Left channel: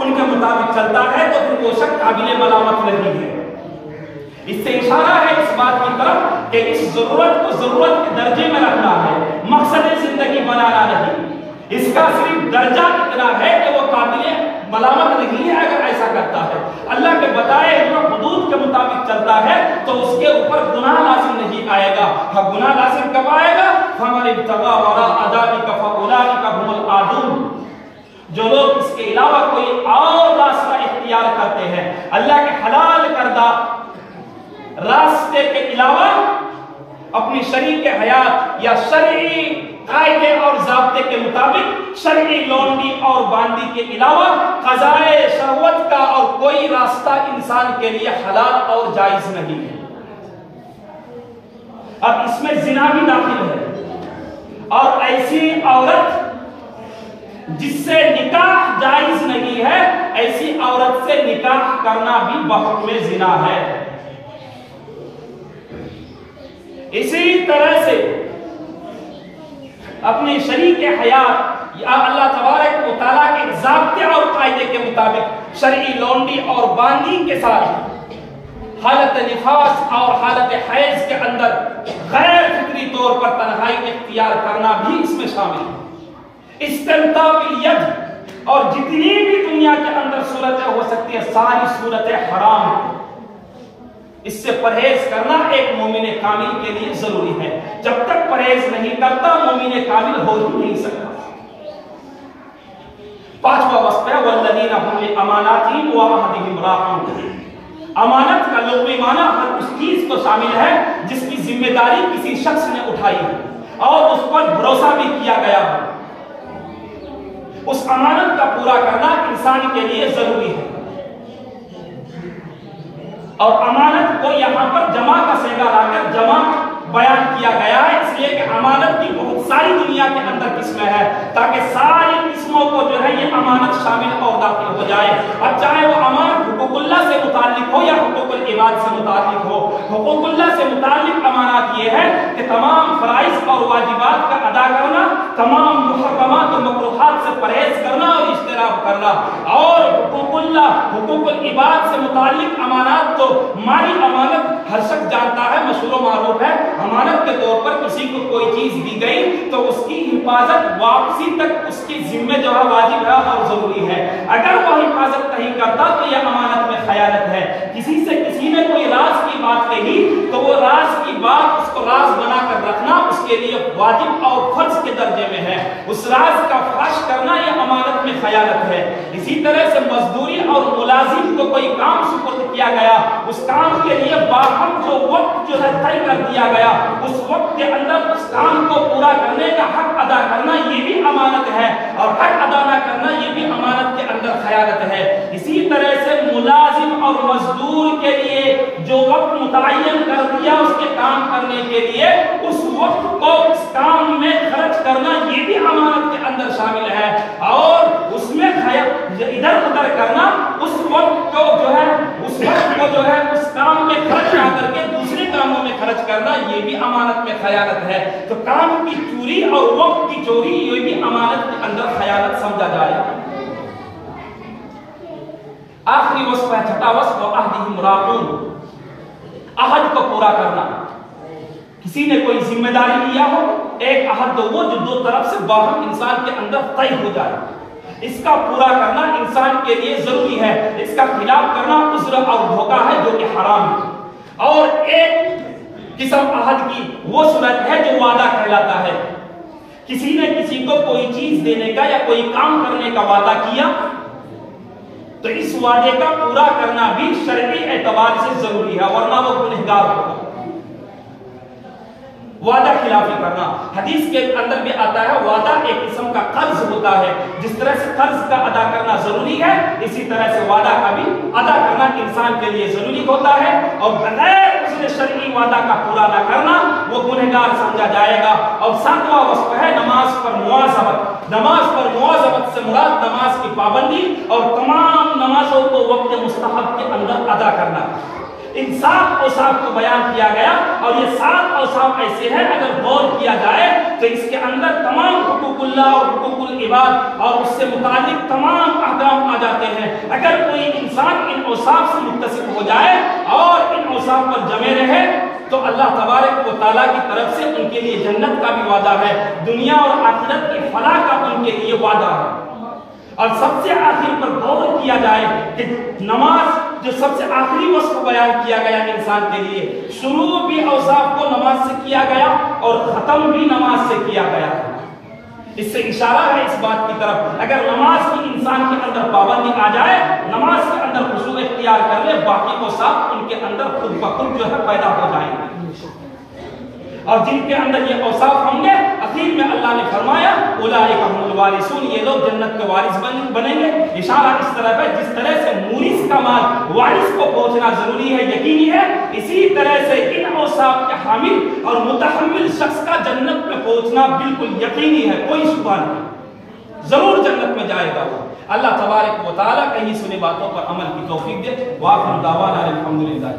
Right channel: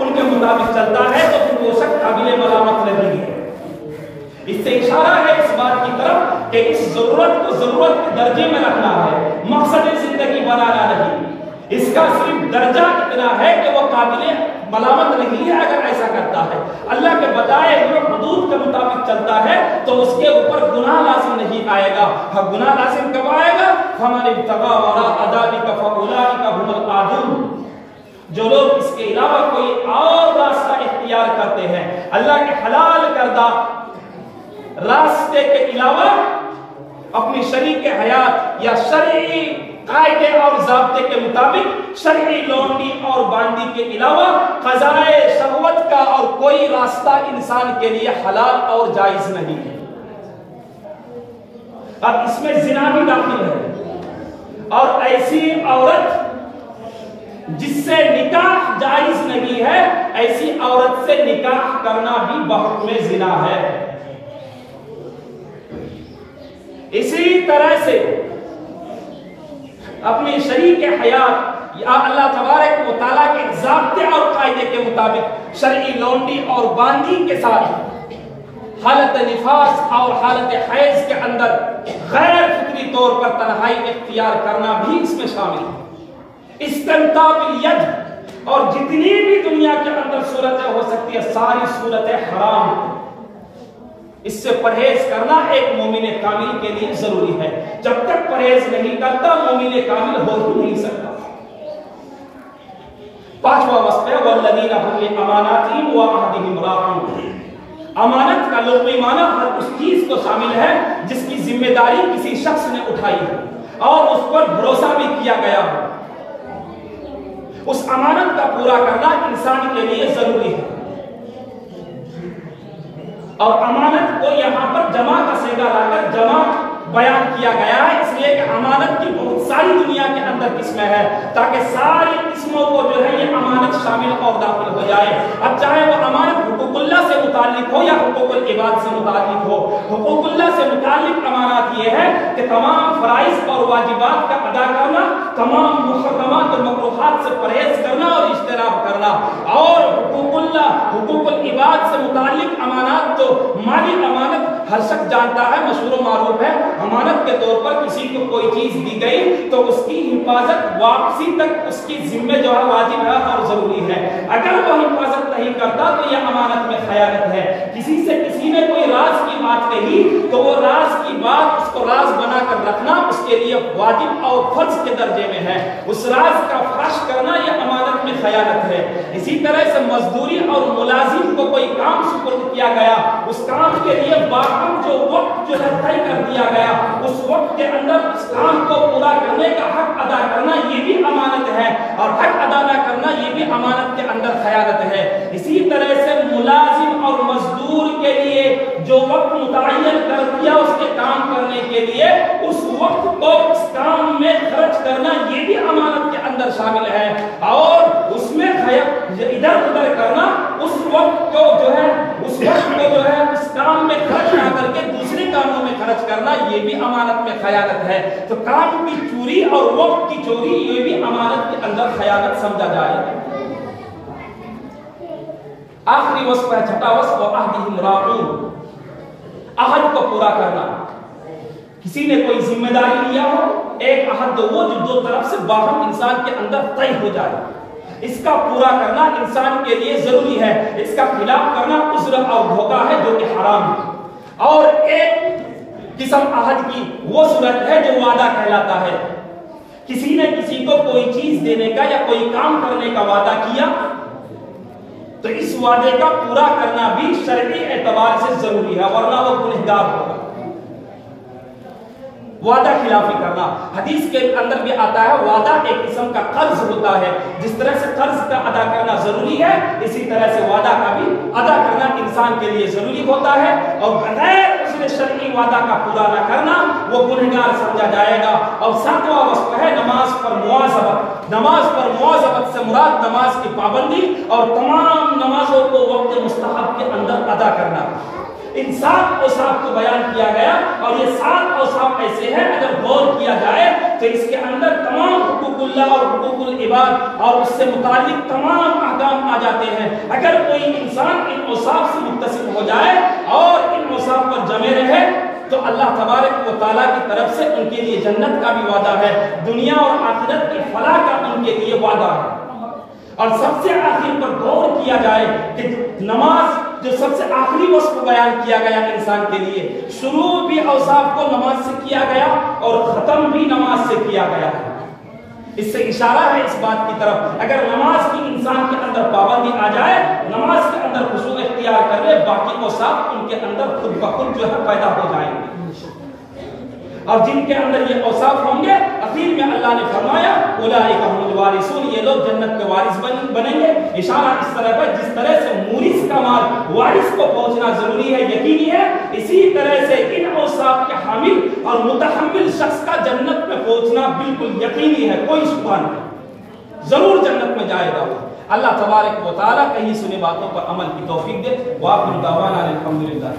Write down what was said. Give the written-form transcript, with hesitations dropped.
ان کے مطابق چلتا ہے تو پھر وہ شخص قابل ملامت نہیں ہے۔ اس سے اشارہ ہے اس بات کی طرف کہ اس ضرورت کو ضرورت کے درجے میں رکھنا ہے، مقصد زندگی بنانا نہیں۔ اس کا صرف درجہ اتنا ہے کہ وہ قابل ملامت نہیں ہے اگر ایسا کرتا ہے۔ اللہ کے بتائے ہوئے حدود کے مطابق چلتا ہے تو اس کے اوپر گناہ لازم نہیں آئے گا۔ ہاں گناہ لازم کب آئے گا؟ فَمَنِ ابْتَغَىٰ وَرَاءَ ذَٰلِكَ فَأُولَٰئِكَ هُمُ الْعَادُونَ۔ جو لوگ اس کے علاوہ کوئی اور راستہ اختیار کرتے ہیں، اللہ کے حلال کردہ راستے کے علاوہ اپنی شریک حیات یا شرعی قاعدے اور ضابطے کے مطابق شرعی لونڈی اور باندی کے علاوہ قضائے شہوت کا اور کوئی راستہ انسان کے لیے حلال اور جائز نہیں ہے۔ اب اس میں زنا بھی داخل ہے، اور ایسی عورت جس سے نکاح جائز نہیں ہے، ایسی عورت سے نکاح کرنا بھی بحکم زنا ہے۔ اسی طرح سے اپنی شریک حیات یا اللہ تبارک و تعالیٰ کے ضابطے اور قاعدے کے مطابق شرعی لونڈی اور باندی کے ساتھ حالت نفاس اور حالت حیض کے اندر غیر فطری طور پر تنہائی اختیار کرنا بھی اس میں شامل ہے۔ استمتاع بالید اور جتنی بھی دنیا کے اندر صورتیں ہو سکتی ہے، ساری صورتیں حرام ہیں۔ اس سے پرہیز کرنا ایک مومن کامل کے لیے ضروری ہے۔ جب تک پرہیز نہیں کرتا مومن کامل ہو ہی نہیں سکتا۔ پانچواں وصف ہے والذین هم لاماناتهم وعهدهم راعون۔ امانت کا لغوی معنی ہر اس چیز کو شامل ہے جس کی ذمہ داری کسی شخص نے اٹھائی ہے اور اس پر بھروسہ بھی کیا گیا ہے۔ اس امانت کا پورا کرنا انسان کے لیے ضروری ہے، اور امانت کو یہاں پر جمع کا صیغہ لا کر جمع بیان کیا گیا ہے، اس لیے کہ امانت کی بہت ساری دنیا کے اندر قسمیں ہیں، تاکہ ساری قسموں کو جو ہے یہ امانت شامل اور داخل ہو جائے۔ اب چاہے وہ امانت حقوق اللہ سے متعلق ہو یا حقوق العباد سے متعلق ہو۔ حقوق اللہ سے متعلق امانات یہ ہے کہ تمام فرائض اور واجبات کا ادا کرنا، تمام محرمات اور مکروہات سے پرہیز کرنا اور اجتناب کرنا، اور حقوق اللہ حقوق العباد سے متعلق امانات تو مالی امانت ہر شخص جانتا ہے، مشہور و معروف ہے۔ امانت کے طور پر کسی کو کوئی چیز دی گئی تو اس کی حفاظت واپسی تک اس کی ذمہ جو ہے واجب ہے اور ضروری ہے۔ اگر وہ حفاظت نہیں کرتا تو یہ امانت میں خیانت ہے۔ کسی سے کسی نے کوئی راز کی بات کہی تو وہ راز کی بات اس کو راز بنا کر رکھنا اس کے لیے واجب اور فرض کے درجے میں ہے۔ اس راز کا فاش کرنا یہ امانت میں خیانت ہے۔ اسی طرح سے مزدوری اور ملازم کو کوئی کام سپرد کیا گیا، اس کام کے لیے باہم جو وقت جو ہے طے کر دیا گیا، اس وقت کے اندر اس کام کو پورا کرنے کا حق ادا کرنا یہ بھی امانت ہے، اور حق ادا نہ کرنا یہ بھی امانت کے اندر خیانت ہے۔ اسی طرح سے ملازم اور مزدور کے لیے جو وقت متعین کر دیا اس کے کام کرنے کے لیے، اس وقت کو اس کام میں خرچ کرنا یہ بھی امانت کے اندر شامل ہے، اور اس میں ادھر ادھر کرنا، اس وقت کو جو ہے اس کام میں خرچ نہ کر کے دوسرے کاموں میں خرچ کرنا یہ بھی امانت میں خیانت ہے۔ تو کام کی چوری اور وقت کی چوری یہ بھی امانت کے اندر خیانت سمجھا جائے۔ آخری وصف ہے چھٹا وصف وعہدہم راعون، عہد کو پورا کرنا۔ کسی نے کوئی ذمہ داری لیا ہو، ایک عہد تو وہ جو دو طرف سے باہم انسان کے اندر طے ہو جائے، اس کا پورا کرنا انسان کے لیے ضروری ہے۔ اس کا خلاف کرنا عذر اور دھوکہ ہے جو کہ حرام ہے۔ اور ایک قسم عہد کی وہ صورت ہے جو وعدہ کہلاتا ہے۔ کسی نے کسی کو کوئی چیز دینے کا یا کوئی کام کرنے کا وعدہ کیا تو اس وعدے کا پورا کرنا بھی شرعی اعتبار سے ضروری ہے، ورنہ وہ گنہگار ہوگا۔ وعدہ خلافی کرنا، حدیث کے اندر بھی آتا ہے وعدہ ایک قسم کا قرض ہوتا ہے۔ جس طرح سے قرض کا ادا کرنا ضروری ہے، اسی طرح سے وعدہ کا بھی ادا کرنا انسان کے لیے ضروری ہوتا ہے، اور بغیر اس نے شرعی وعدہ کا پورا نہ کرنا وہ گنہگار سمجھا جائے گا۔ اور ساتواں وصف ہے نماز پر مواظبت۔ نماز پر مواظبت سے مراد نماز کی پابندی اور تمام نمازوں کو وقت مستحب کے اندر ادا کرنا۔ ان 7 اوصاف کو بیان کیا گیا، اور یہ 7 اوصاف ایسے ہیں اگر غور کیا جائے تو اس کے اندر تمام حقوق حقوق اللہ اور حقوق العباد اور اس سے متعلق تمام احکام آ جاتے ہیں۔ اگر کوئی انسان ان اوصاف سے متصف ہو جائے اور ان اوصاف پر جمے رہے تو اللہ تبارک و تعالیٰ کی طرف سے ان کے لیے جنت کا بھی وعدہ ہے، دنیا اور آخرت کی فلاح کا ان کے لیے وعدہ ہے۔ اور سب سے آخر پر غور کیا جائے کہ نماز جو سب سے آخری وصف بیان کیا گیا انسان کے لیے، شروع بھی اوصاف کو نماز سے کیا گیا اور ختم بھی نماز سے کیا گیا۔ اس سے اشارہ ہے اس بات کی طرف، اگر نماز کی انسان کے اندر پابندی آ جائے، نماز کے اندر خشوع اختیار کر لے، باقی اوصاف ان کے اندر خود بخود جو ہے پیدا ہو جائیں گے۔ اور جن کے اندر یہ اوصاف ہوں گے، اخیر میں اللہ نے فرمایا اولئک هم الوارثون، یہ لوگ جنت کے وارث بنیں گے۔ اشارہ اس طرح ہے جس طرح سے مورث کا مال وارث کو پہنچنا ضروری ہے، یقینی ہے، اسی طرح سے ان اوصاف کے حامل اور متحمل شخص کا جنت میں پہنچنا بالکل یقینی ہے، کوئی شبہ نہیں، ضرور جنت میں جائے گا وہ۔ اللہ تبارک و تعالیٰ کہیں سنے باتوں پر عمل کی توفیق دے۔ وآخر دعوانا الحمدللہ۔